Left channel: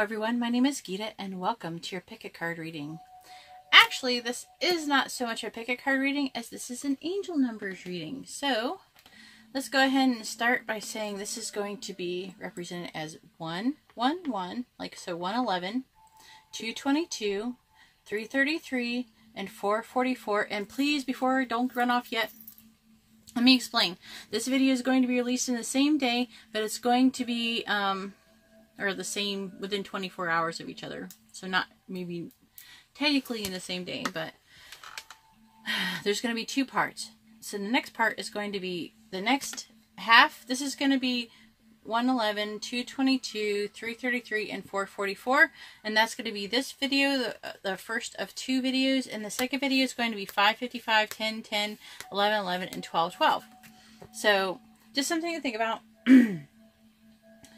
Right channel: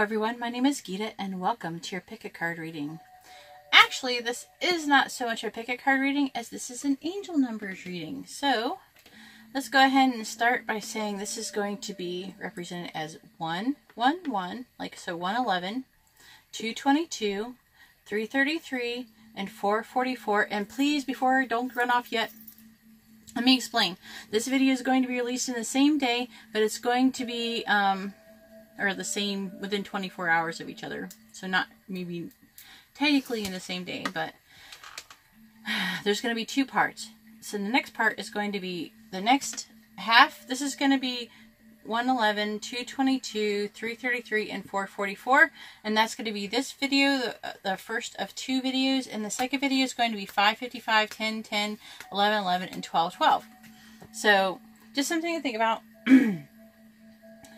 everyone, my name is Geeta and welcome to your pick a card reading. Actually, this is not so much a pick a card reading as this is an angel numbers reading. So, let's go ahead and start by saying this is going to be represented as 111, like so 111, 222, 333, and 444. And please, before don't run off yet, let me explain. This video is going to be released in the same day, but it's going to be or the same within 24 hours of each other. So not maybe technically in the same day, but there's going to be two parts. So the next part is going to be the next half. This is going to be 111, 222, 333, and 444. And that's going to be this video, the first of two videos. And the second video is going to be 555, 10, 10, 11, 11, and 12, 12. So just something to think about.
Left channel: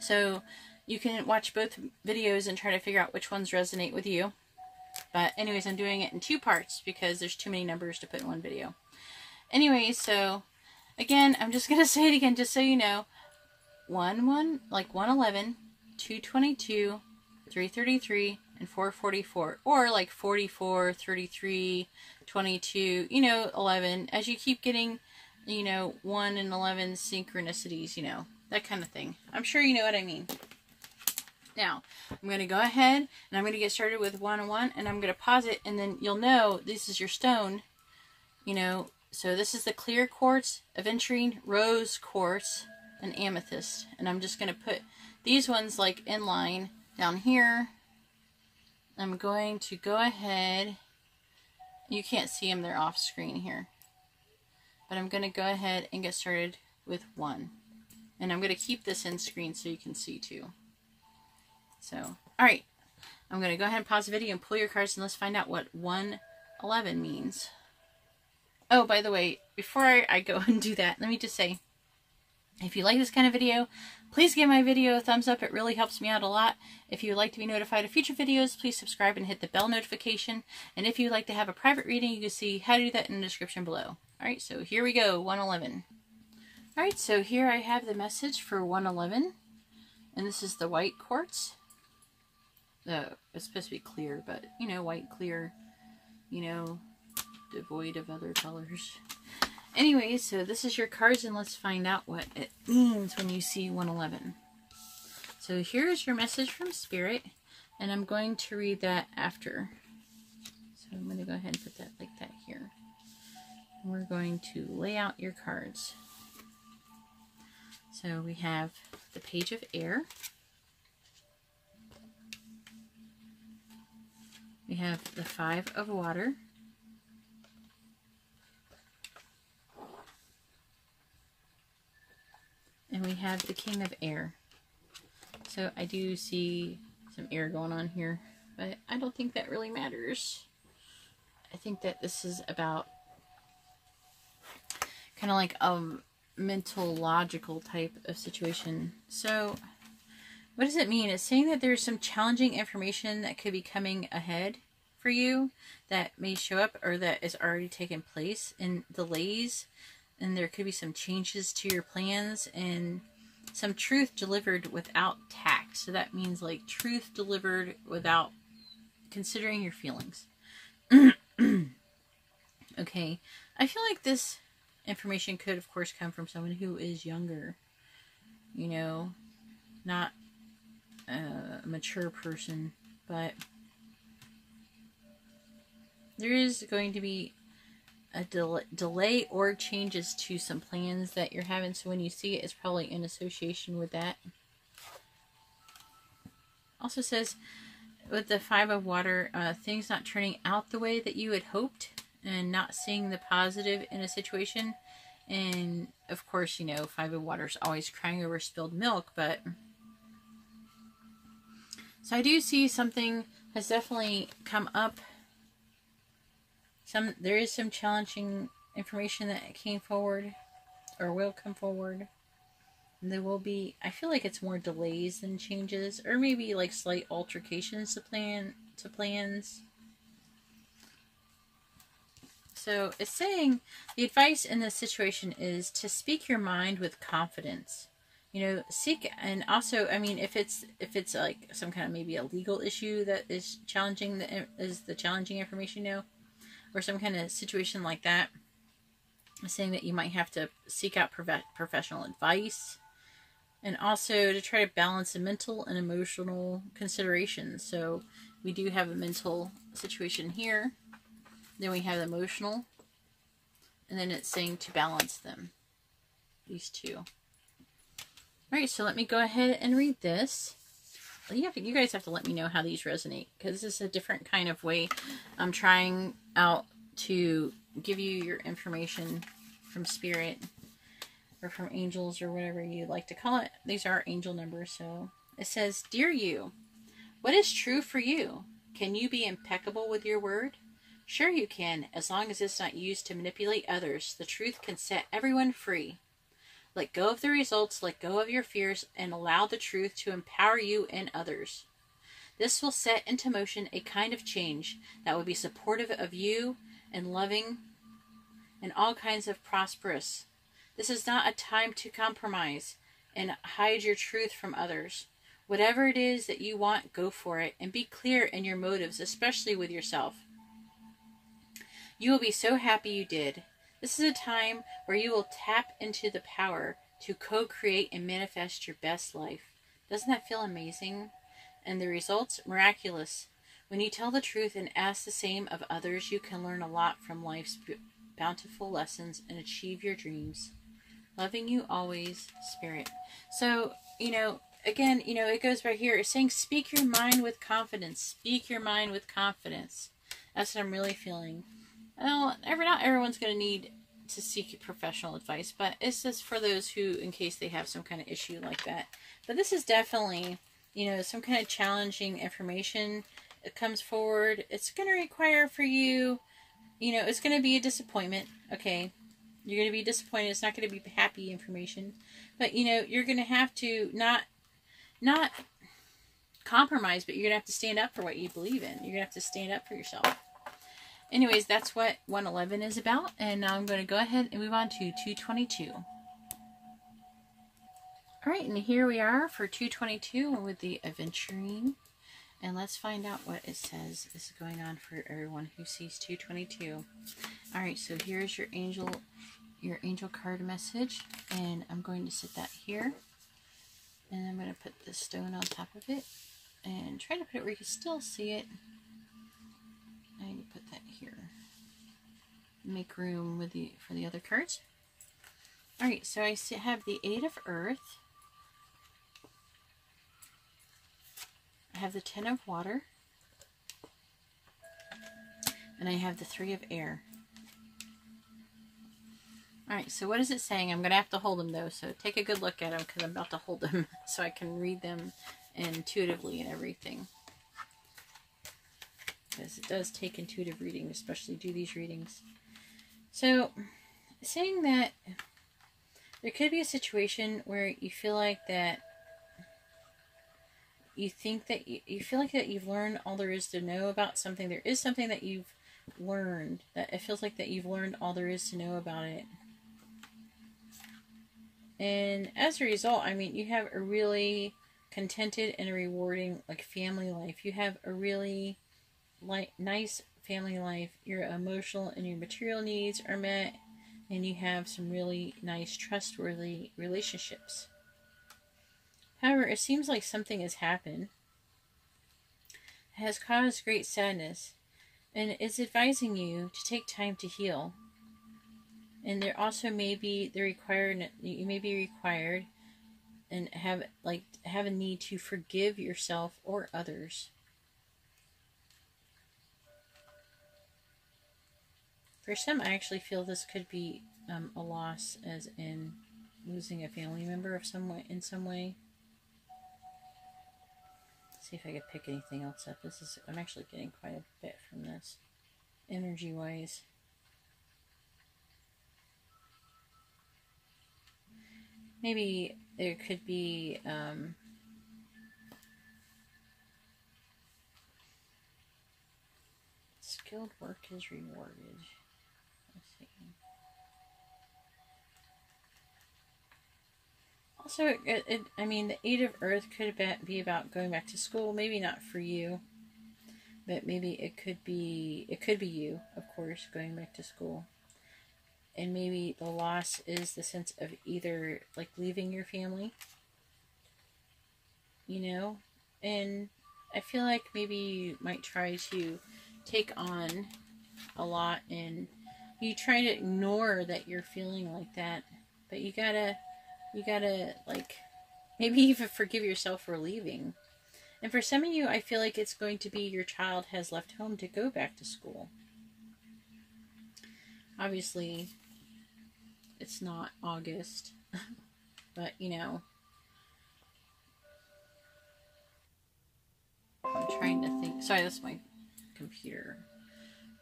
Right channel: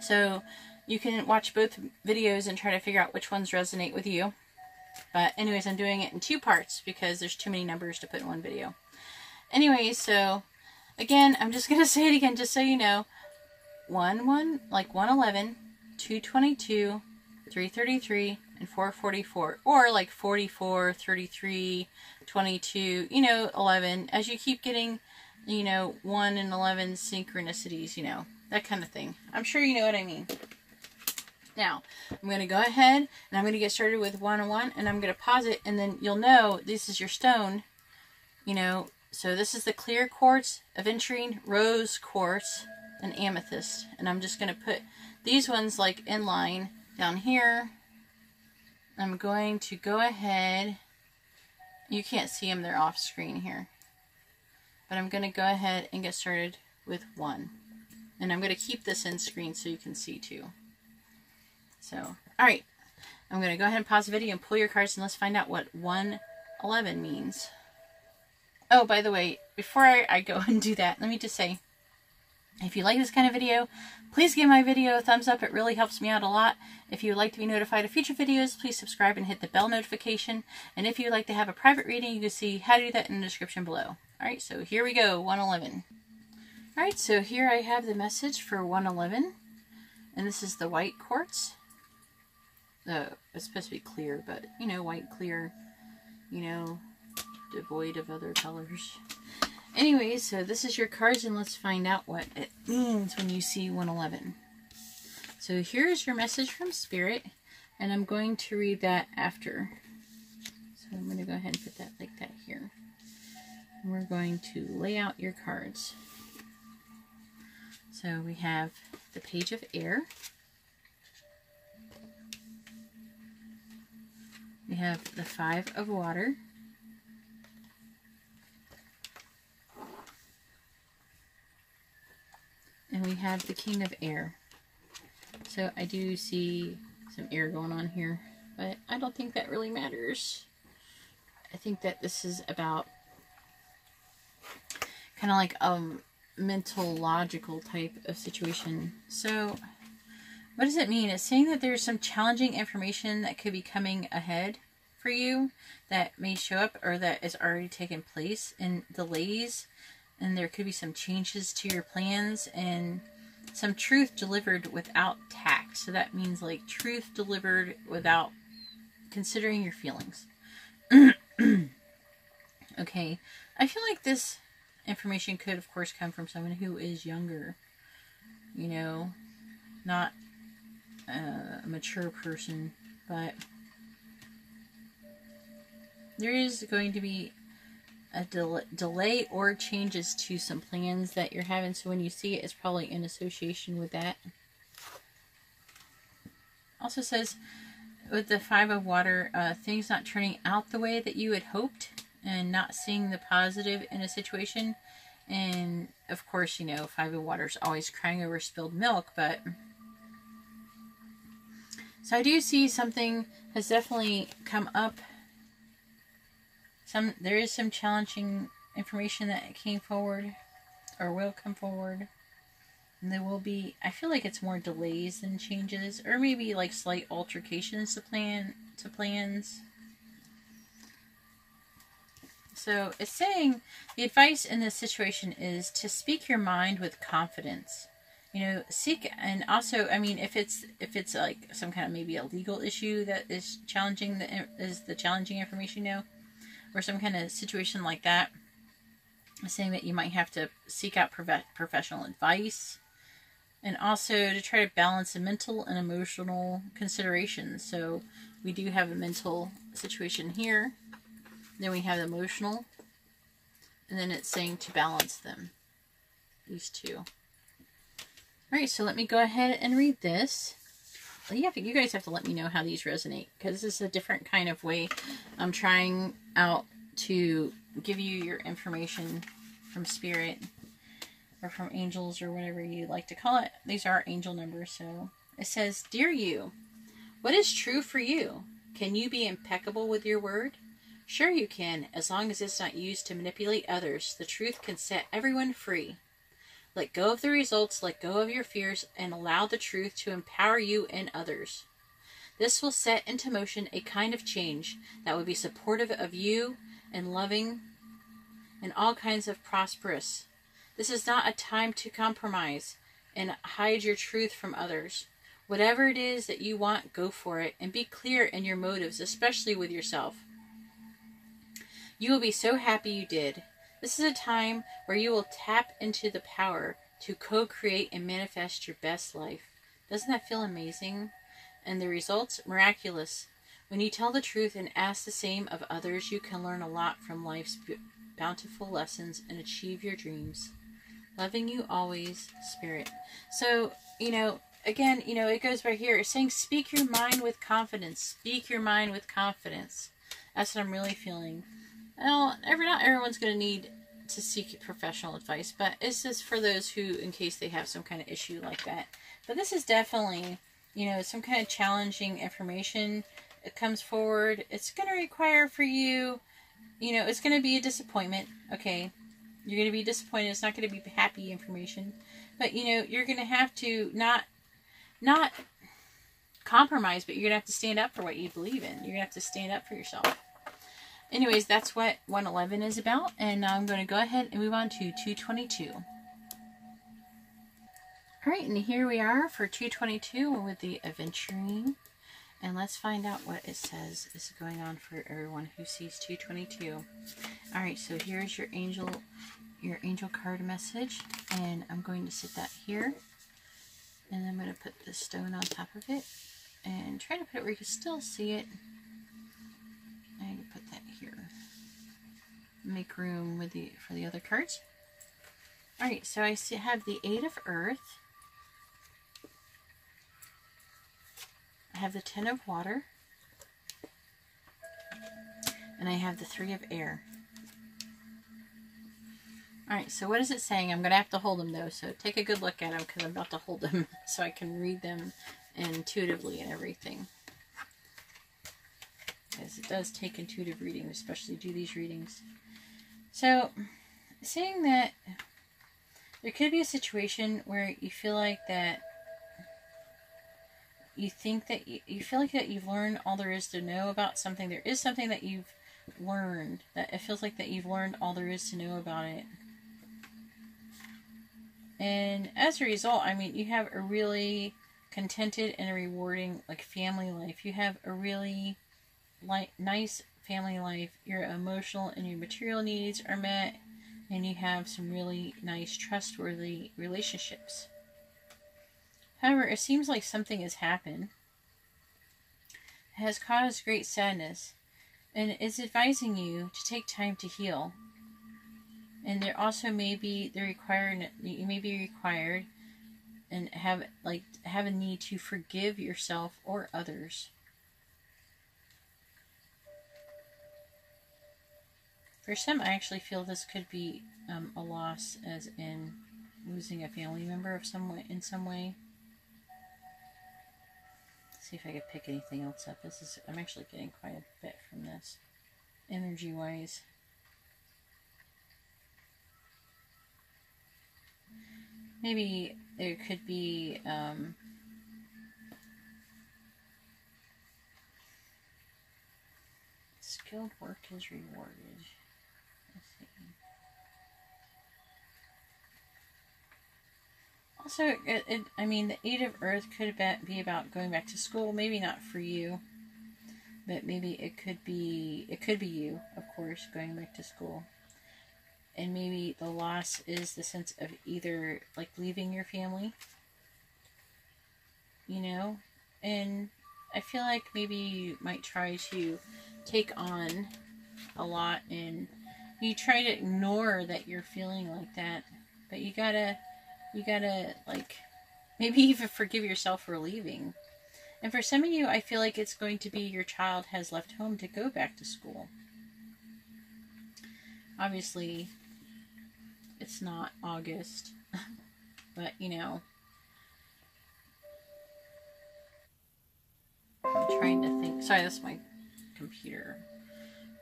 So you can watch both videos and try to figure out which ones resonate with you. But anyways, I'm doing it in two parts because there's too many numbers to put in one video. Anyways, so again, I'm just going to say it again just so you know. 111, 222, 333, and 444. Or like 44, 33, 22, 11. As you keep getting, 1 and 11 synchronicities, that kind of thing. I'm sure you know what I mean. Now, I'm going to go ahead and I'm going to get started with 101 and I'm going to pause it and then you'll know this is your stone, so this is the clear quartz, aventurine, rose quartz, and amethyst. And I'm just going to put these ones like in line down here. I'm going to go ahead, you can't see them, they're off screen here. But I'm going to go ahead and get started with 1. And I'm going to keep this in screen so you can see too. So, alright, I'm going to go ahead and pause the video and pull your cards and let's find out what 111 means. Oh, by the way, before I go and do that, let me just say, if you like this kind of video, please give my video a thumbs up. It really helps me out a lot. If you'd like to be notified of future videos, please subscribe and hit the bell notification. And if you'd like to have a private reading, you can see how to do that in the description below. Alright, so here we go, 111. Alright, so here I have the message for 111. And this is the white quartz. It's supposed to be clear, but, white, clear, devoid of other colors. Anyways, so this is your cards, and let's find out what it means when you see 111. So here's your message from Spirit, and I'm going to read that after. So I'm going to go ahead and put that like that here. And we're going to lay out your cards. So we have the Page of Air. We have the 5 of Water. And we have the King of Air. So I do see some air going on here, but I don't think that really matters. I think that this is about kind of like a mental, logical type of situation. So what does it mean? It's saying that there's some challenging information that could be coming ahead for you that may show up or that has already taken place in delays. And there could be some changes to your plans and some truth delivered without tact. So that means like truth delivered without considering your feelings. Okay. I feel like this information could, of course, come from someone who is younger. Not a mature person. But there is going to be a delay or changes to some plans that you're having. So when you see it, it's probably in association with that. Also says with the 5 of Water, things not turning out the way that you had hoped and not seeing the positive in a situation. And of course, 5 of Water is always crying over spilled milk, but so I do see something has definitely come up. There is some challenging information that came forward or will come forward. And there will be, I feel like it's more delays than changes, or maybe like slight altercations to plans. So it's saying the advice in this situation is to speak your mind with confidence you know, seek. And also, I mean, if it's like some kind of maybe a legal issue that is challenging, the challenging information, you know, or some kind of situation like that, saying that you might have to seek out professional advice, and also to try to balance the mental and emotional considerations. So we do have a mental situation here, then we have the emotional, and then it's saying to balance them, these two. Alright, so let me go ahead and read this. You guys have to let me know how these resonate, because this is a different kind of way I'm trying out to give you your information from Spirit, or from angels, or whatever you like to call it. These are angel numbers. So it says, Dear you, what is true for you? Can you be impeccable with your word? Sure you can, as long as it's not used to manipulate others. The truth can set everyone free. Let go of the results, let go of your fears, and allow the truth to empower you and others. This will set into motion a kind of change that will be supportive of you and loving and all kinds of prosperous. This is not a time to compromise and hide your truth from others. Whatever it is that you want, go for it, and be clear in your motives, especially with yourself. You will be so happy you did. This is a time where you will tap into the power to co-create and manifest your best life. Doesn't that feel amazing? And the results, miraculous. When you tell the truth and ask the same of others, you can learn a lot from life's bountiful lessons and achieve your dreams. Loving you always, Spirit. So, you know, again, you know, it goes right here. It's saying, speak your mind with confidence. Speak your mind with confidence. That's what I'm really feeling. Well, not everyone's going to need to seek professional advice, but it's just for those who, in case they have some kind of issue like that. But this is definitely, you know, some kind of challenging information. It comes forward. It's going to require for you, you know, it's going to be a disappointment, okay? You're going to be disappointed. It's not going to be happy information. But, you know, you're going to have to not compromise, but you're going to have to stand up for what you believe in. You're going to have to stand up for yourself. Anyways, that's what 111 is about. And now I'm going to go ahead and move on to 222. Alright, and here we are for 222 with the Adventuring. And let's find out what it says is going on for everyone who sees 222. Alright, so here's your angel card message. And I'm going to sit that here. And I'm going to put the stone on top of it. And try to put it where you can still see it. And put that here. Make room with for the other cards. Alright, so I have the 8 of Earth. I have the 10 of Water. And I have the 3 of Air. Alright, so what is it saying? I'm going to have to hold them though, so take a good look at them because I'm about to hold them so I can read them intuitively and everything. Because it does take intuitive reading, especially do these readings. So, saying that there could be a situation where you feel like that you think that you feel like that you've learned all there is to know about something. There is something that you've learned, that it feels like that you've learned all there is to know about it. And as a result, I mean, you have a really contented and a rewarding, like, family life. You have a really nice family life. Your emotional and your material needs are met, and you have some really nice, trustworthy relationships. However, it seems like something has happened. It has caused great sadness, and it's advising you to take time to heal. And there also may be you may be required and have a need to forgive yourself or others. For some, I actually feel this could be a loss, as in losing a family member in some way. Let's see if I could pick anything else up. I'm actually getting quite a bit from this, energy-wise. Maybe there could be skilled work is rewarded. Let's see. Also, I mean, the Eight of Earth could be about going back to school. Maybe not for you, but maybe it could be you, of course, going back to school. And maybe the loss is the sense of either like leaving your family, you know, and I feel like maybe you might try to take on a lot and you try to ignore that you're feeling like that, but you gotta like maybe even forgive yourself for leaving. And for some of you, I feel like it's going to be your child has left home to go back to school. Obviously, it's not August, but you know, I'm trying to think. Sorry, that's my computer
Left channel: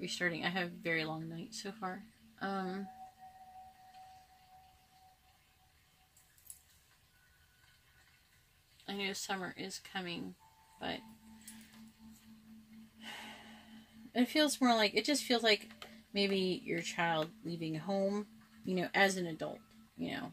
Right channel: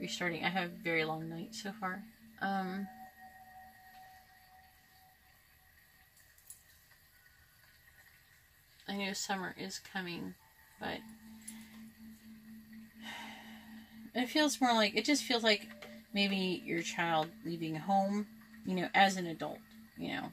restarting. I have a very long night so far. I know summer is coming, but it feels more like, it just feels like maybe your child leaving home, you know, as an adult, you know.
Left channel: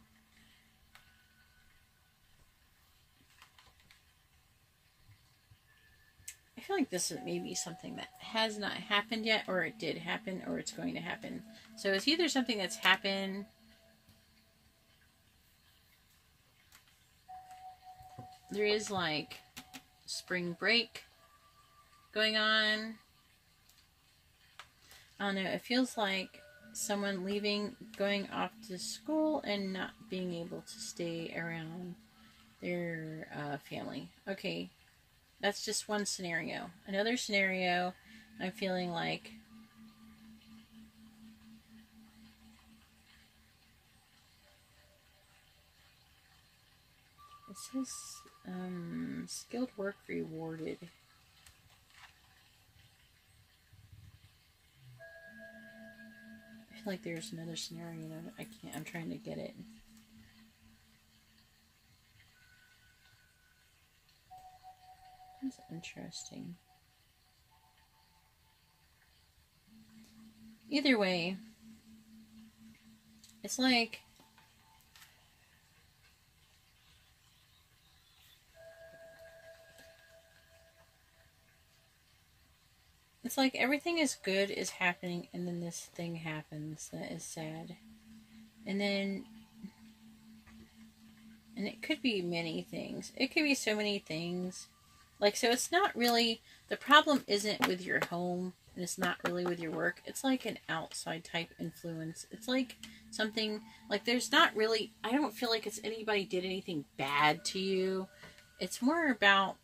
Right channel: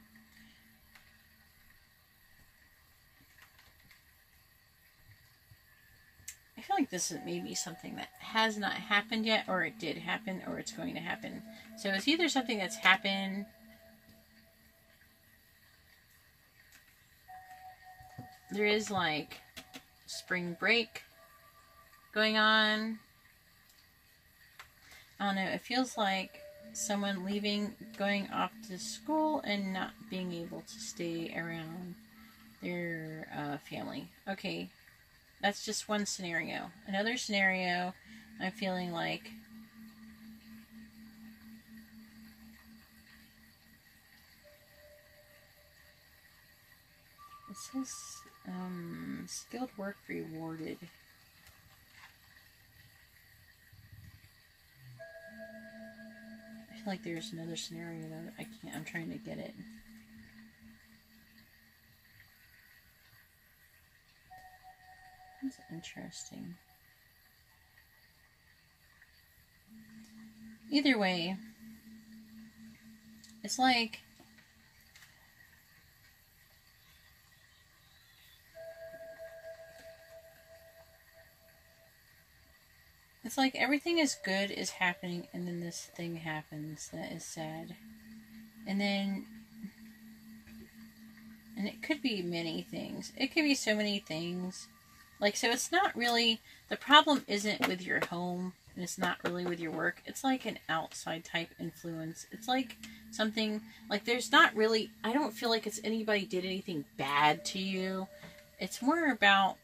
I feel like this is maybe something that has not happened yet, or it did happen, or it's going to happen. So it's either something that's happened, there is like spring break going on. I don't know, it feels like someone leaving, going off to school and not being able to stay around their family. Okay, that's just one scenario. Another scenario, I'm feeling like this is skilled work rewarded. I feel like there's another scenario that I can't, I'm trying to get it. That's interesting. Either way, it's like everything is good is happening, and then this thing happens that is sad. And then, and it could be many things. It could be so many things. Like, so it's not really, the problem isn't with your home, and it's not really with your work. It's like an outside type influence. It's like something, like there's not really, I don't feel like it's anybody did anything bad to you. It's more about,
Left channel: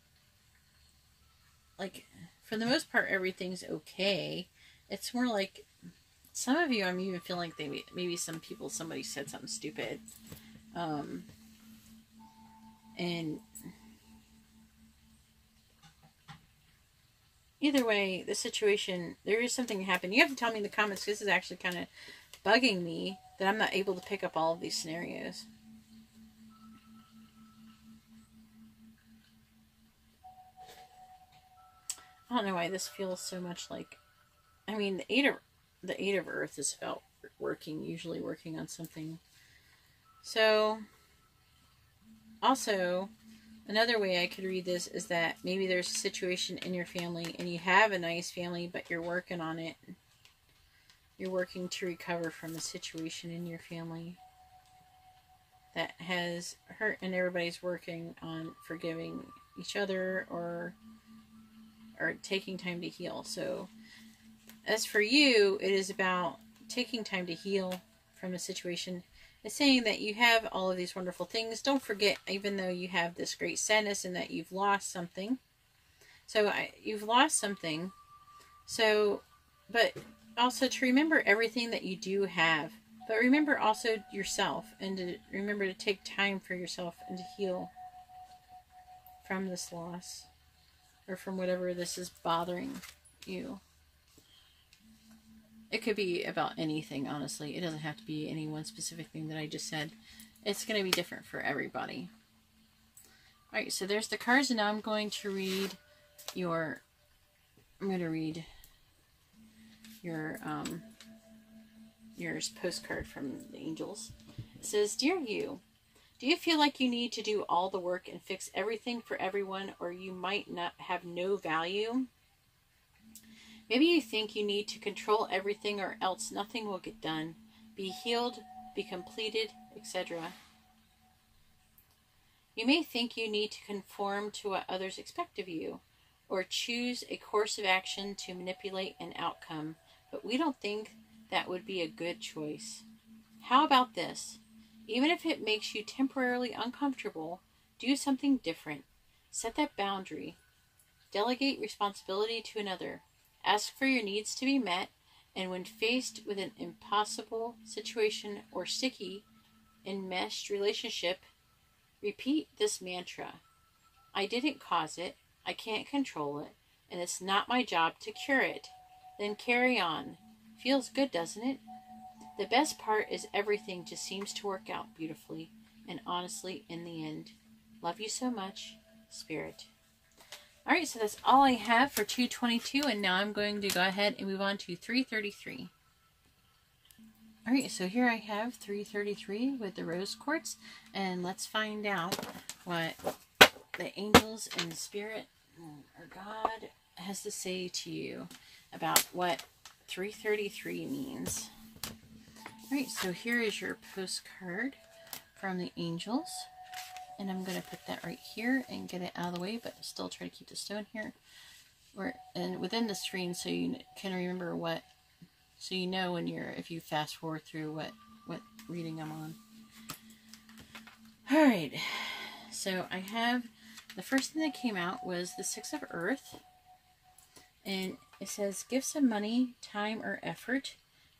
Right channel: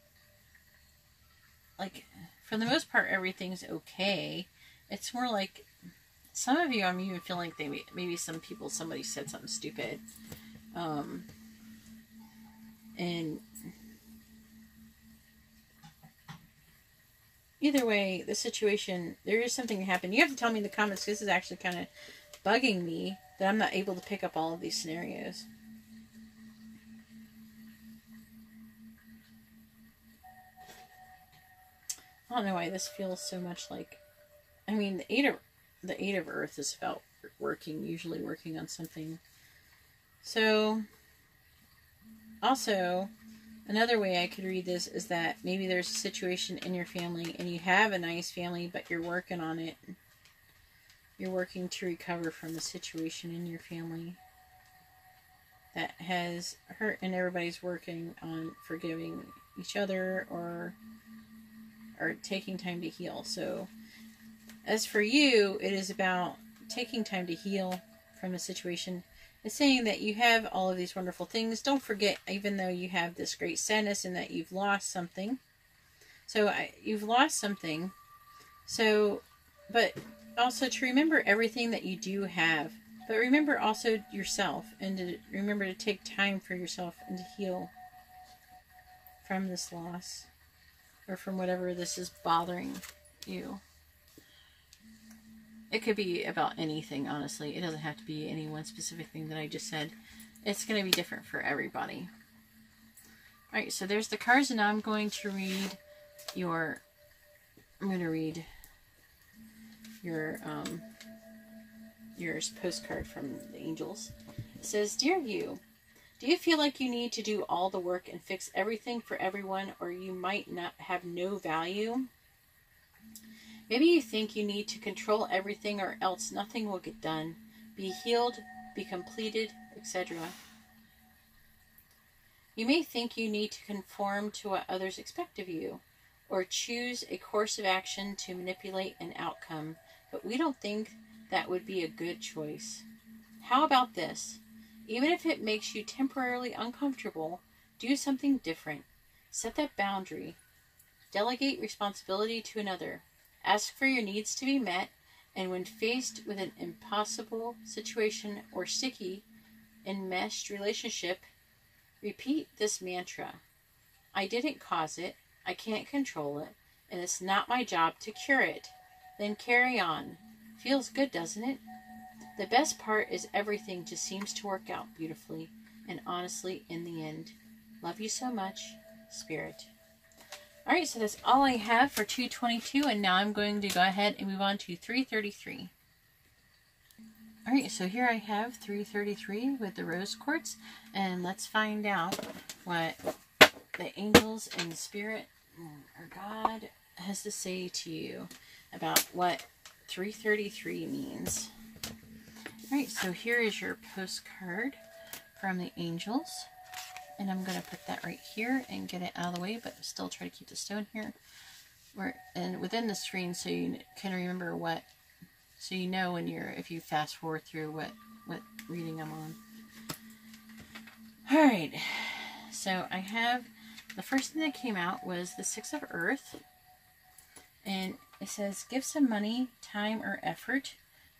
like, for the most part, everything's okay. It's more like, some of you, I'm even feeling like maybe some people, somebody said something stupid. And either way, the situation, there is something that happened. You have to tell me in the comments, this is actually kind of bugging me that I'm not able to pick up all of these scenarios. I don't know why this feels so much like, I mean, the Eight of Earth is about usually working on something. So, also, another way I could read this is that maybe there's a situation in your family and you have a nice family, but you're working on it. You're working to recover from a situation in your family that has hurt, and everybody's working on forgiving each other or taking time to heal. So as for you, it is about taking time to heal from the situation. It's saying that you have all of these wonderful things. Don't forget, even though you have this great sadness and that you've lost something. So you've lost something. So, but also to remember everything that you do have. But remember also yourself, and to remember to take time for yourself and to heal from this loss, or from whatever this is bothering you. It could be about anything, honestly. It doesn't have to be any one specific thing that I just said. It's going to be different for everybody. Alright, so there's the cards, and now I'm going to read your postcard from the angels. It says, Dear you, Do you feel like you need to do all the work and fix everything for everyone, or you might not have no value? Maybe you think you need to control everything or else nothing will get done. Be healed, be completed, etc. You may think you need to conform to what others expect of you, or choose a course of action to manipulate an outcome, but we don't think that would be a good choice. How about this? Even if it makes you temporarily uncomfortable, do something different. Set that boundary. Delegate responsibility to another. Ask for your needs to be met, and when faced with an impossible situation or sticky, enmeshed relationship, repeat this mantra. I didn't cause it, I can't control it, and it's not my job to cure it. Then carry on. Feels good, doesn't it? The best part is everything just seems to work out beautifully and honestly in the end. Love you so much, Spirit. Alright, so that's all I have for 222, and now I'm going to go ahead and move on to 333. Alright, so here I have 333 with the rose quartz, and let's find out what the angels and the Spirit or God has to say to you about what 333 means. Alright, so here is your postcard from the angels. And I'm going to put that right here and get it out of the way, but still try to keep the stone here. And within the screen so you can remember what, so you know when you're, if you fast forward through what reading I'm on. Alright, so I have, the first thing that came out was the Six of Earth. And it says, give some money, time, or effort,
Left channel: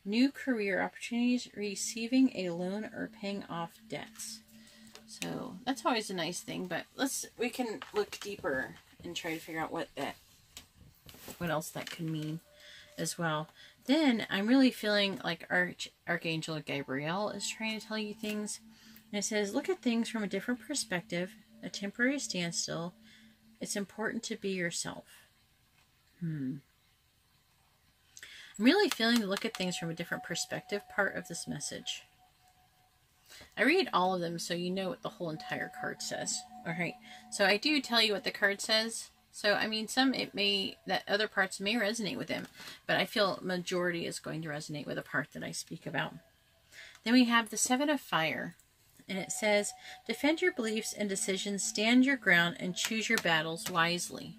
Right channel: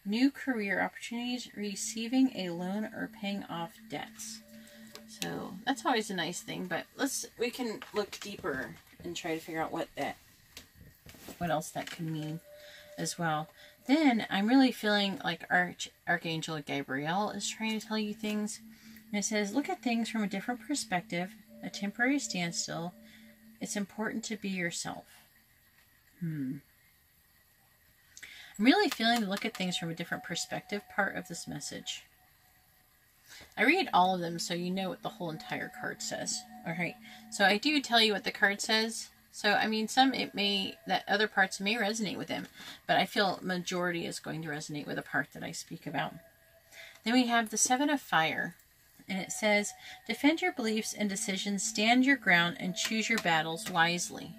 new career opportunities, receiving a loan, or paying off debts. So that's always a nice thing, but we can look deeper and try to figure out what else that could mean as well. Then I'm really feeling like Archangel Gabriel is trying to tell you things. And it says, look at things from a different perspective, a temporary standstill. It's important to be yourself. I'm really feeling the look at things from a different perspective part of this message. I read all of them so you know what the whole entire card says. Alright, so I do tell you what the card says. So, I mean, that other parts may resonate with him, but I feel majority is going to resonate with the part that I speak about. Then we have the Seven of Fire, and it says, defend your beliefs and decisions, stand your ground, and choose your battles wisely.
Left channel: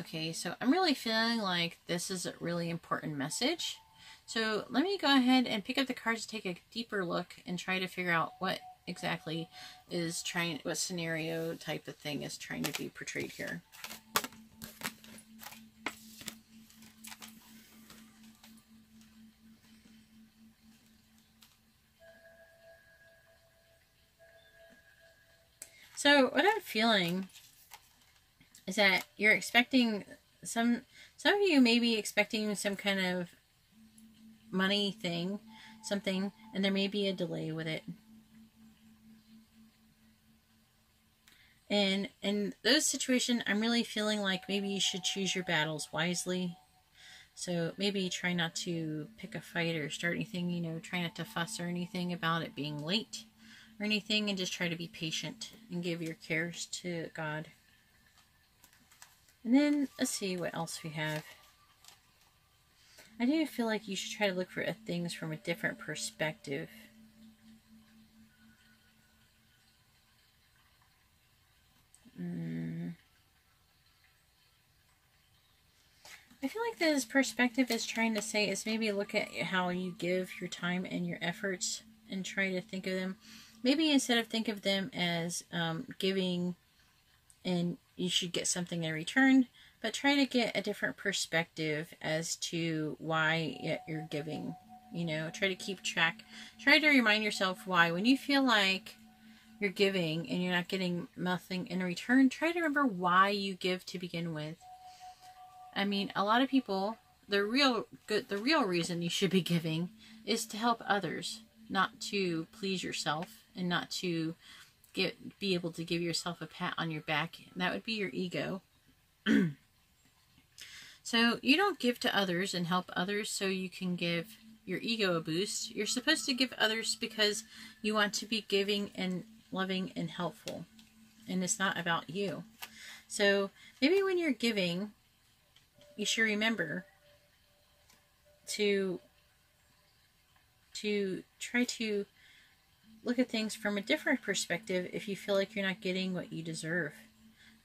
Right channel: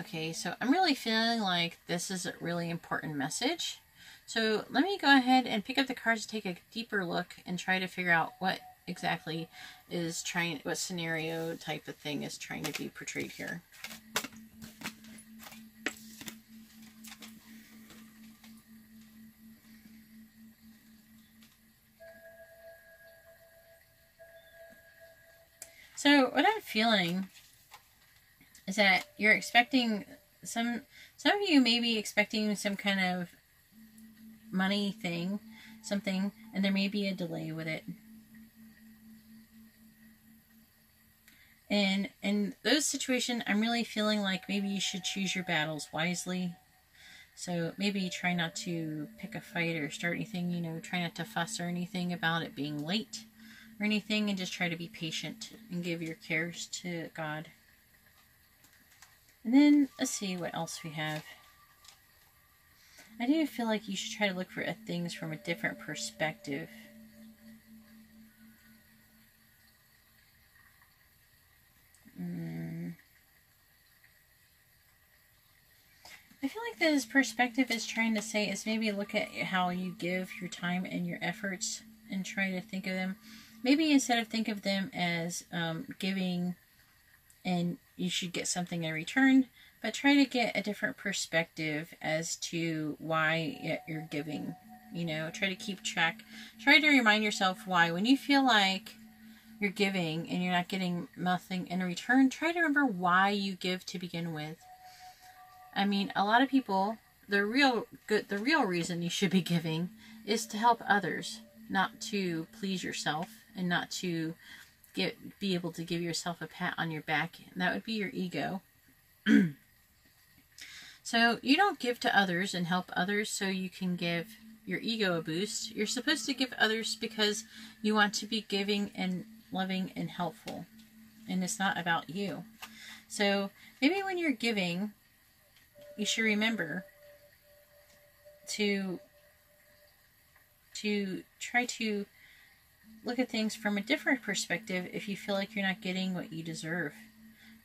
Okay, so I'm really feeling like this is a really important message. So let me go ahead and pick up the cards to take a deeper look and try to figure out what exactly is what scenario type of thing is trying to be portrayed here. So what I'm feeling is that you're expecting some of you may be expecting some kind of money thing, something, and there may be a delay with it. And in those situations, I'm really feeling like maybe you should choose your battles wisely. So maybe try not to pick a fight or start anything, you know, try not to fuss or anything about it being late or anything, and just try to be patient and give your cares to God. And then, let's see what else we have. I do feel like you should try to look for things from a different perspective. I feel like this perspective is trying to say is maybe look at how you give your time and your efforts and try to think of them. Maybe instead of think of them as giving and you should get something in return, but try to get a different perspective as to why you're giving. You know, try to keep track. Try to remind yourself why. When you feel like you're giving and you're not getting nothing in return, try to remember why you give to begin with. I mean, a lot of people, the real reason you should be giving is to help others, not to please yourself and not to be able to give yourself a pat on your back. That would be your ego. So you don't give to others and help others so you can give your ego a boost. You're supposed to give others because you want to be giving and loving and helpful. And it's not about you. So maybe when you're giving, you should remember to try to look at things from a different perspective if you feel like you're not getting what you deserve.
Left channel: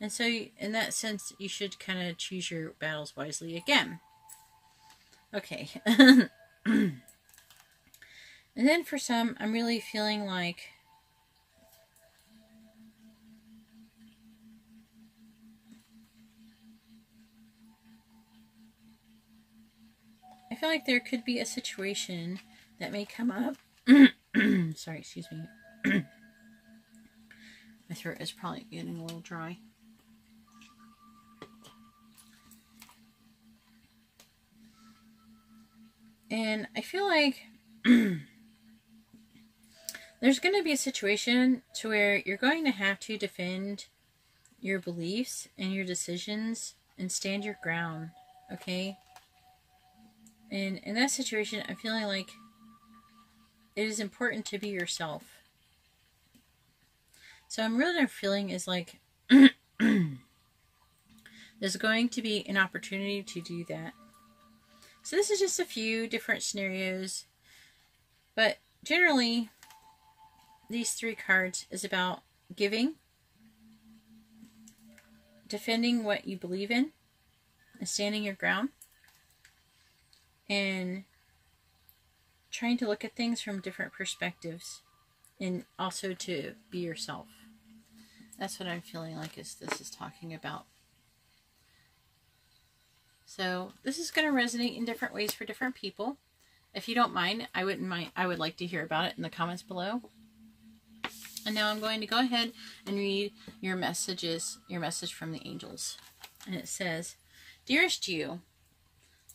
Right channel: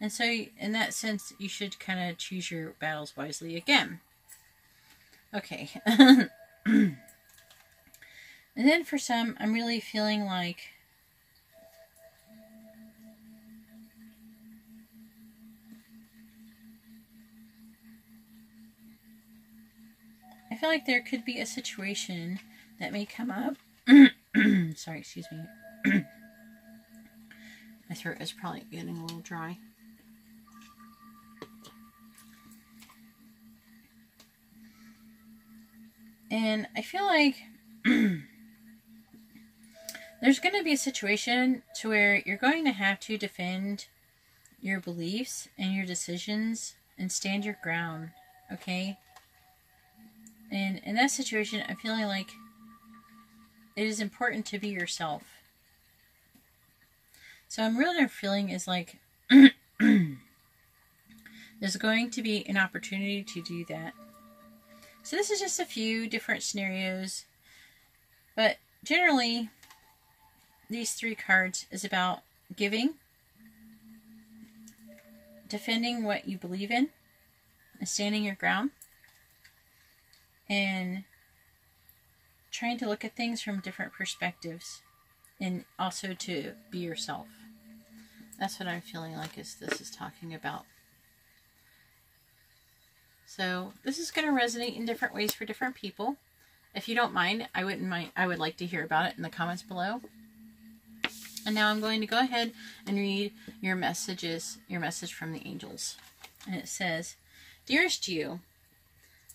And so in that sense, you should kind of choose your battles wisely again. Okay. And then for some, I'm really feeling like there could be a situation that may come up. Sorry, excuse me. My throat is probably getting a little dry. And I feel like there's going to be a situation to where you're going to have to defend your beliefs and your decisions and stand your ground, okay? And in that situation, I'm feeling like it is important to be yourself. So I'm really feeling is like there's going to be an opportunity to do that. So this is just a few different scenarios, but generally these 3 cards is about giving, defending what you believe in, and standing your ground, and trying to look at things from different perspectives, and also to be yourself. That's what I'm feeling like this is talking about. So this is going to resonate in different ways for different people. If you don't mind, I would like to hear about it in the comments below. And now I'm going to go ahead and read your message from the angels. And it says, "Dearest you,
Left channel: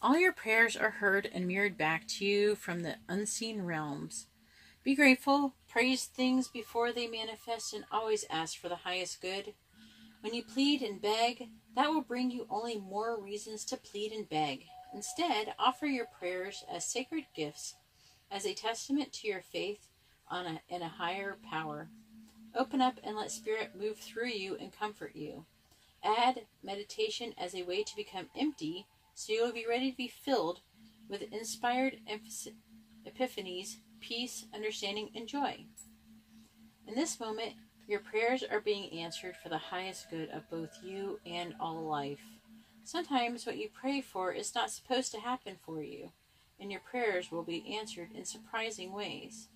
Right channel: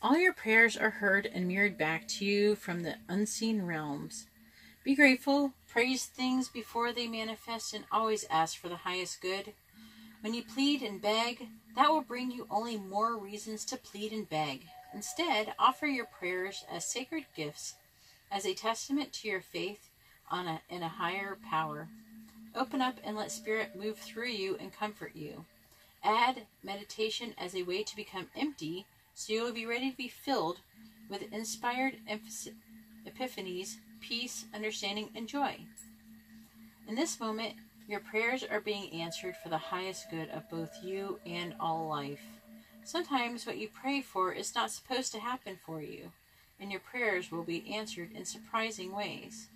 all your prayers are heard and mirrored back to you from the unseen realms. Be grateful, praise things before they manifest, and always ask for the highest good. When you plead and beg, that will bring you only more reasons to plead and beg. Instead, offer your prayers as sacred gifts, as a testament to your faith in a higher power. Open up and let Spirit move through you and comfort you. Add meditation as a way to become empty, so you will be ready to be filled with inspired epiphanies, peace, understanding, and joy. In this moment, your prayers are being answered for the highest good of both you and all life. Sometimes what you pray for is not supposed to happen for you, and your prayers will be answered in surprising ways.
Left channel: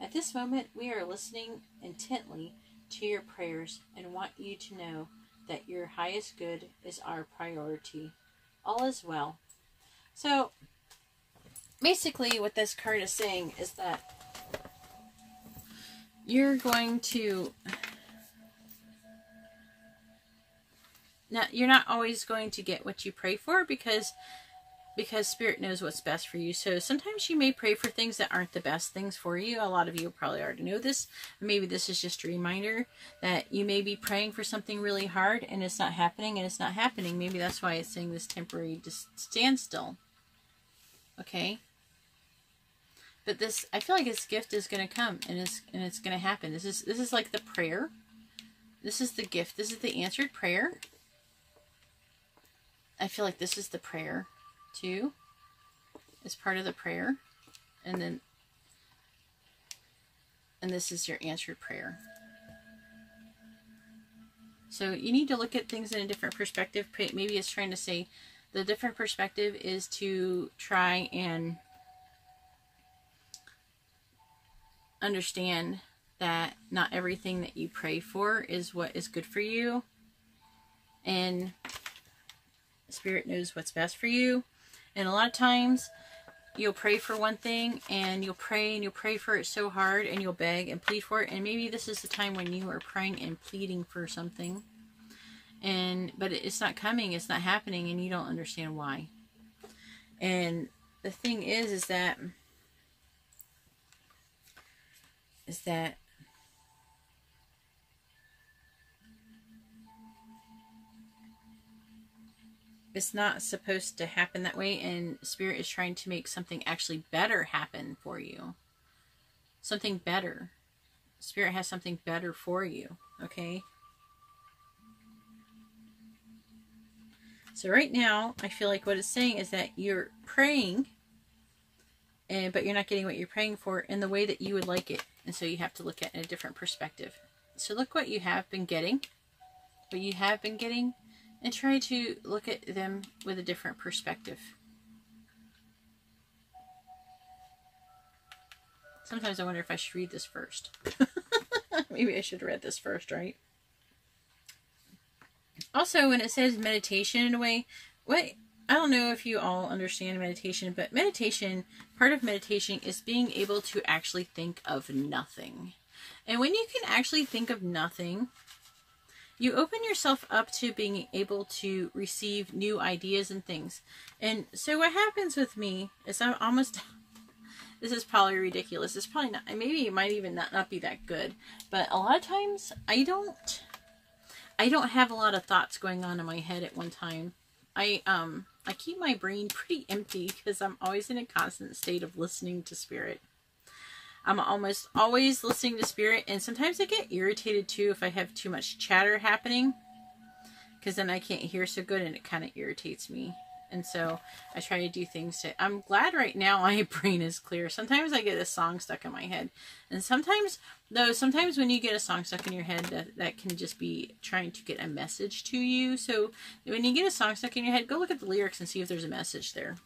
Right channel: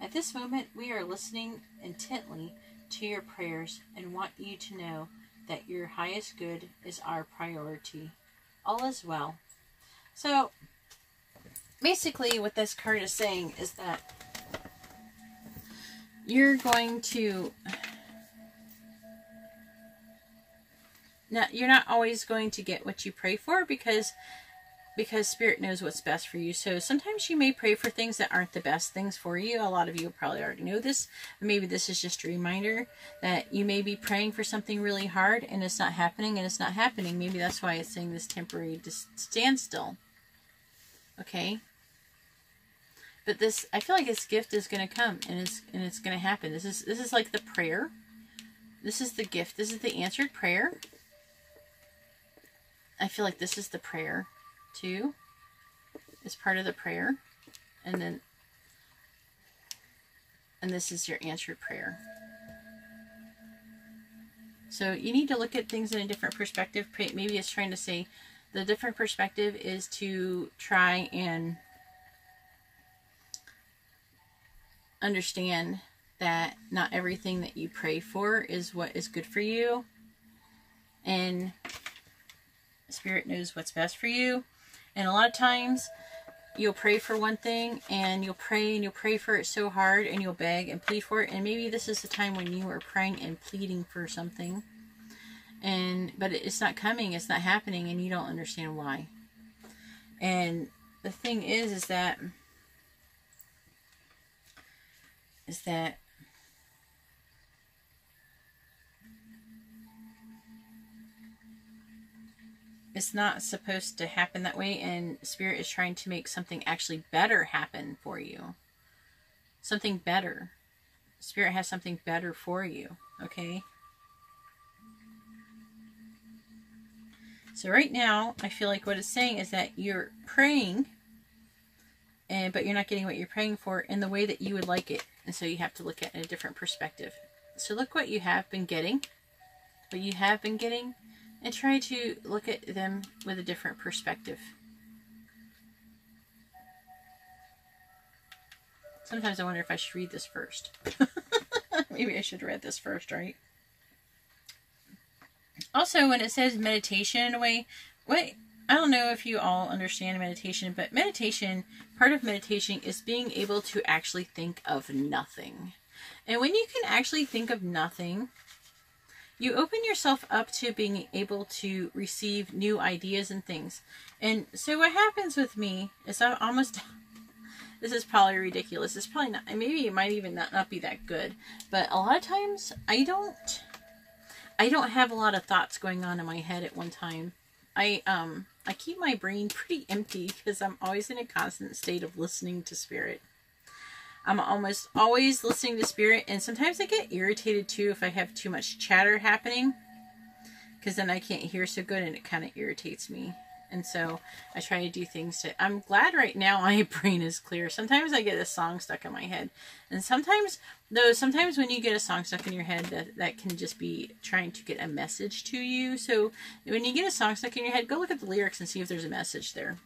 At this moment, we are listening intently to your prayers and want you to know that your highest good is our priority. All is well." So, basically what this card is saying is that you're going to... Now, you're not always going to get what you pray for because Spirit knows what's best for you. So sometimes you may pray for things that aren't the best things for you. A lot of you probably already know this. Maybe this is just a reminder that you may be praying for something really hard and it's not happening and it's not happening. Maybe that's why it's saying this temporary standstill. Okay? But this, I feel like this gift is going to come and it's going to happen. This is like the prayer. This is the gift. This is the answered prayer. I feel like this is the prayer too. It's part of the prayer. And this is your answered prayer. So you need to look at things in a different perspective. Maybe it's trying to say the different perspective is to try and understand that not everything that you pray for is what is good for you. And Spirit knows what's best for you. And a lot of times you'll pray for one thing and you'll pray for it so hard and you'll beg and plead for it. And maybe this is the time when you are praying and pleading for something. But it's not coming, it's not happening, and you don't understand why. And the thing is that it's not supposed to happen that way, and Spirit is trying to make something actually better happen for you. Something better. Spirit has something better for you, okay? So right now, I feel like what it's saying is that you're praying, but you're not getting what you're praying for in the way that you would like it. And so you have to look at it in a different perspective. So look what you have been getting, and try to look at them with a different perspective. Sometimes I wonder if I should read this first. Maybe I should have read this first, right? Also, when it says meditation in a way, I don't know if you all understand meditation, but meditation, part of meditation is being able to actually think of nothing. And when you can actually think of nothing, you open yourself up to being able to receive new ideas and things. And so what happens with me is I'm almost... This is probably ridiculous. It's probably not... Maybe it might even not be that good. But a lot of times, I don't have a lot of thoughts going on in my head at one time. I keep my brain pretty empty because I'm always in a constant state of listening to Spirit. I'm almost always listening to Spirit, and sometimes I get irritated too if I have too much chatter happening, because then I can't hear so good and it kind of irritates me. And so I try to do things to... I'm glad right now my brain is clear. Sometimes I get a song stuck in my head. And sometimes when you get a song stuck in your head, that can just be trying to get a message to you. So when you get a song stuck in your head, go look at the lyrics and see if there's a message there.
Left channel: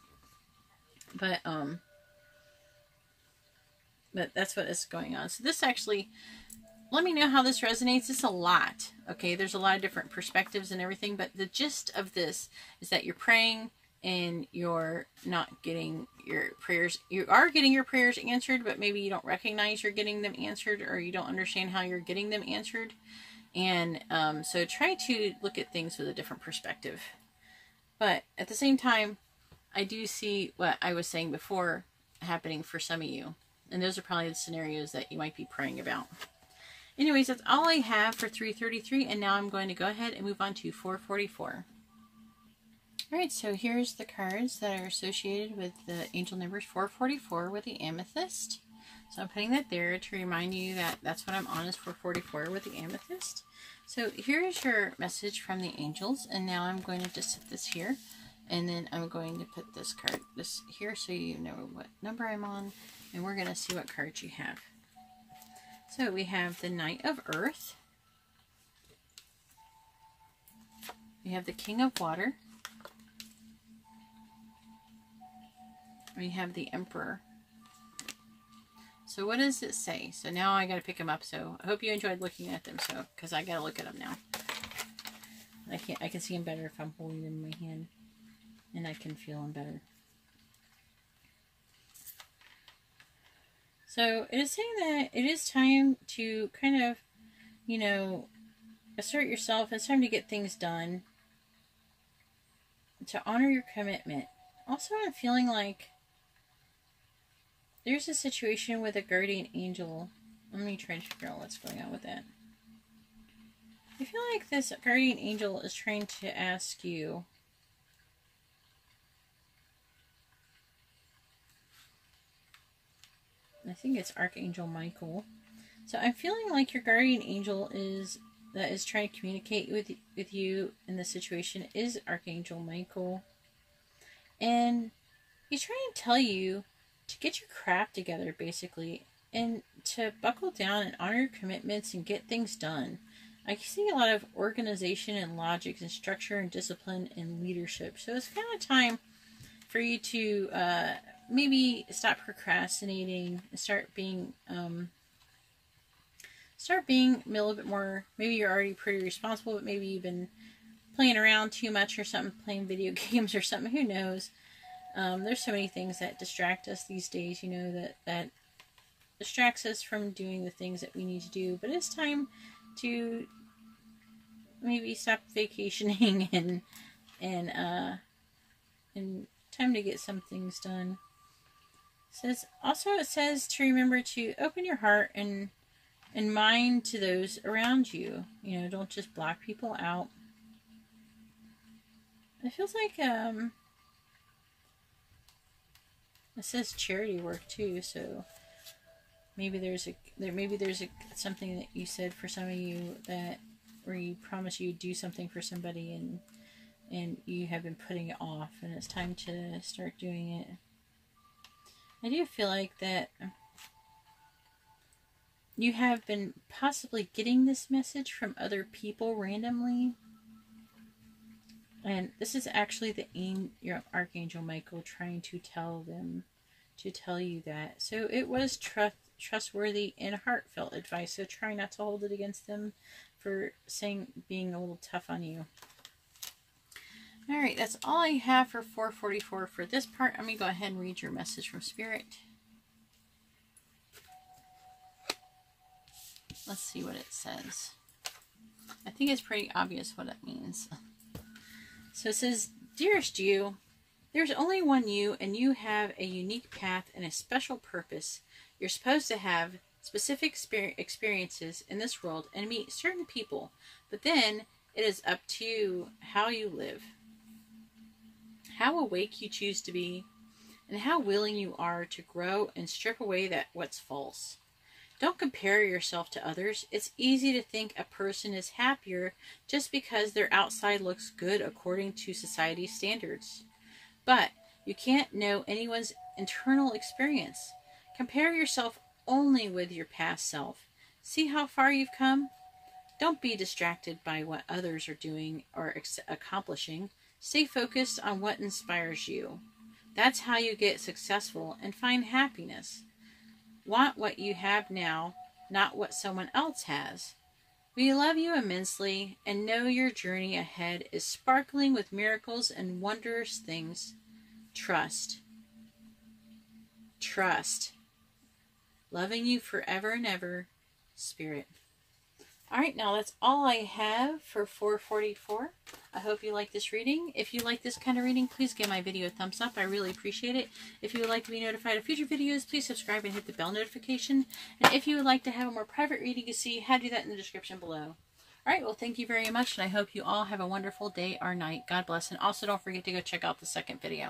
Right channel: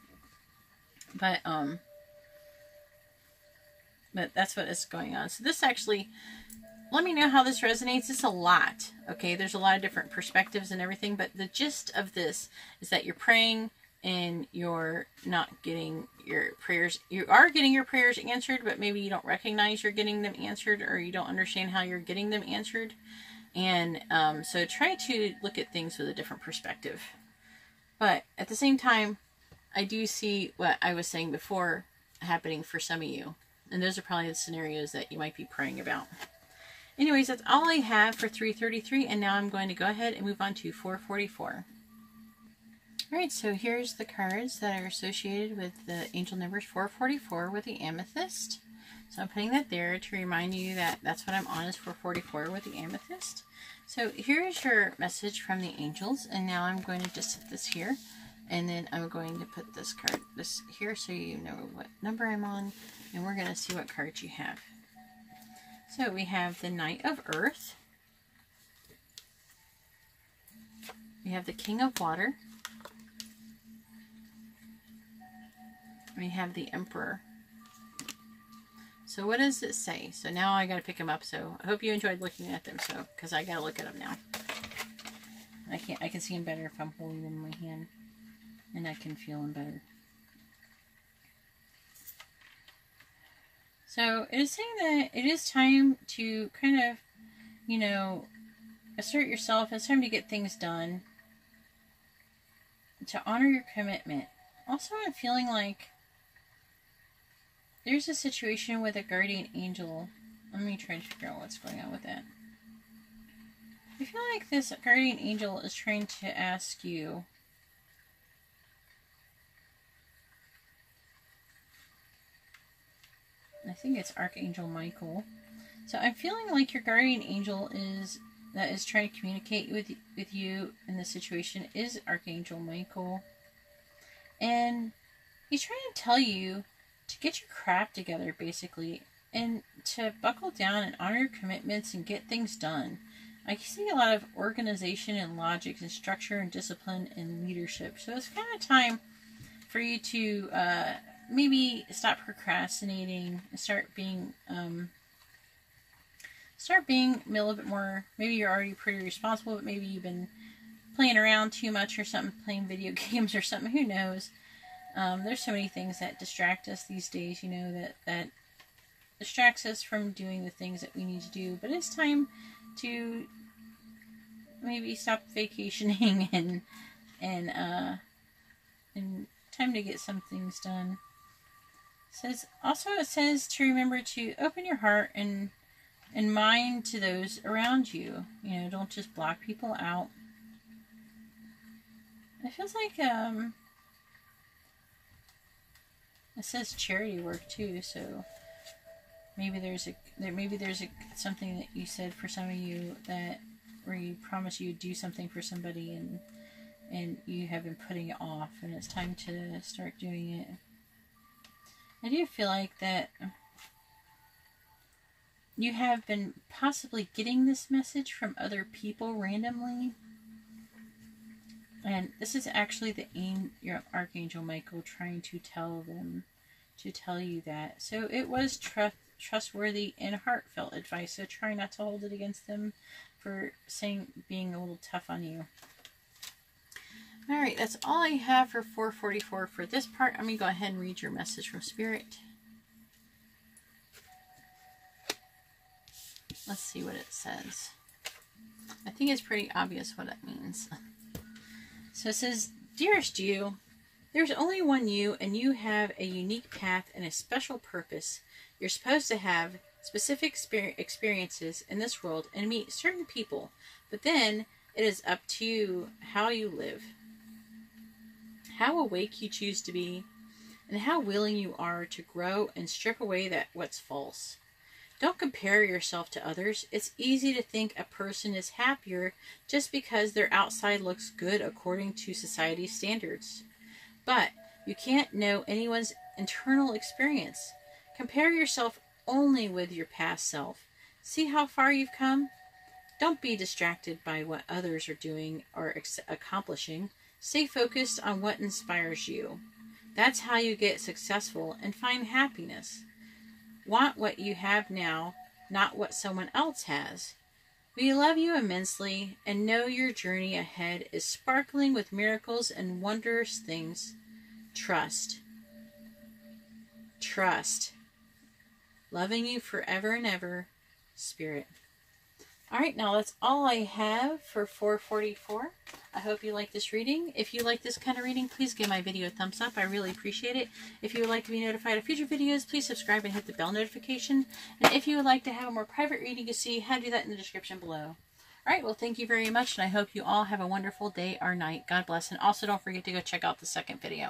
But that's what is going on. So this actually... Let me know how this resonates. It's a lot, okay? There's a lot of different perspectives and everything, but the gist of this is that you're praying and you're not getting your prayers. You are getting your prayers answered, but maybe you don't recognize you're getting them answered, or you don't understand how you're getting them answered. And so try to look at things with a different perspective. But at the same time, I do see what I was saying before happening for some of you. And those are probably the scenarios that you might be praying about. Anyways, that's all I have for 333, and now I'm going to go ahead and move on to 444. Alright, so here's the cards that are associated with the angel numbers 444 with the amethyst. So I'm putting that there to remind you that that's what I'm on, is 444 with the amethyst. So here's your message from the angels, and now I'm going to just set this here, and then I'm going to put this card here so you know what number I'm on, and we're going to see what cards you have. So we have the Knight of Earth. We have the King of Water. We have the Emperor. So what does it say? So now I got to pick them up. So I hope you enjoyed looking at them. So because I got to look at them now. I can see them better if I'm holding them in my hand, and I can feel them better. So it is saying that it is time to kind of, you know, assert yourself. It's time to get things done, to honor your commitment. Also, I'm feeling like there's a situation with a guardian angel. Let me try to figure out what's going on with that. I feel like this guardian angel is trying to ask you I think it's Archangel Michael. So I'm feeling like your guardian angel that is trying to communicate with you in this situation is Archangel Michael. And he's trying to tell you to get your crap together, basically, and to buckle down and honor your commitments and get things done. I see a lot of organization and logic and structure and discipline and leadership. So it's kind of time for you to maybe stop procrastinating and start being a little bit more. Maybe you're already pretty responsible, but maybe you've been playing around too much or something, playing video games or something. Who knows? There's so many things that distract us these days, you know, that distracts us from doing the things that we need to do. But it's time to maybe stop vacationing and time to get some things done. It says to remember to open your heart and mind to those around you. You know, don't just block people out. It feels like it says charity work too, so Maybe there's something that you said for some of you that where you promise you do something for somebody and you have been putting it off, and it's time to start doing it. I do feel like that you have been possibly getting this message from other people randomly. And this is actually your Archangel Michael trying to tell you that. So it was trustworthy and heartfelt advice. So try not to hold it against them for being a little tough on you. All right, that's all I have for 444 for this part. I'm going to go ahead and read your message from Spirit. Let's see what it says. I think it's pretty obvious what it means. So it says, Dearest you, there's only one you, and you have a unique path and a special purpose. You're supposed to have specific experiences in this world and meet certain people, but then it is up to you how you live, how awake you choose to be, and how willing you are to grow and strip away what's false. Don't compare yourself to others. It's easy to think a person is happier just because their outside looks good according to society's standards. But you can't know anyone's internal experience. Compare yourself only with your past self. See how far you've come? Don't be distracted by what others are doing or accomplishing. Stay focused on what inspires you. That's how you get successful and find happiness. Want what you have now, not what someone else has. We love you immensely and know your journey ahead is sparkling with miracles and wondrous things. Trust. Trust. Loving you forever and ever, Spirit. Alright, now that's all I have for 444. I hope you like this reading. If you like this kind of reading, please give my video a thumbs up. I really appreciate it. If you would like to be notified of future videos, please subscribe and hit the bell notification. And if you would like to have a more private reading to see, how to do that in the description below. Alright, well, thank you very much, and I hope you all have a wonderful day or night. God bless, and also don't forget to go check out the second video.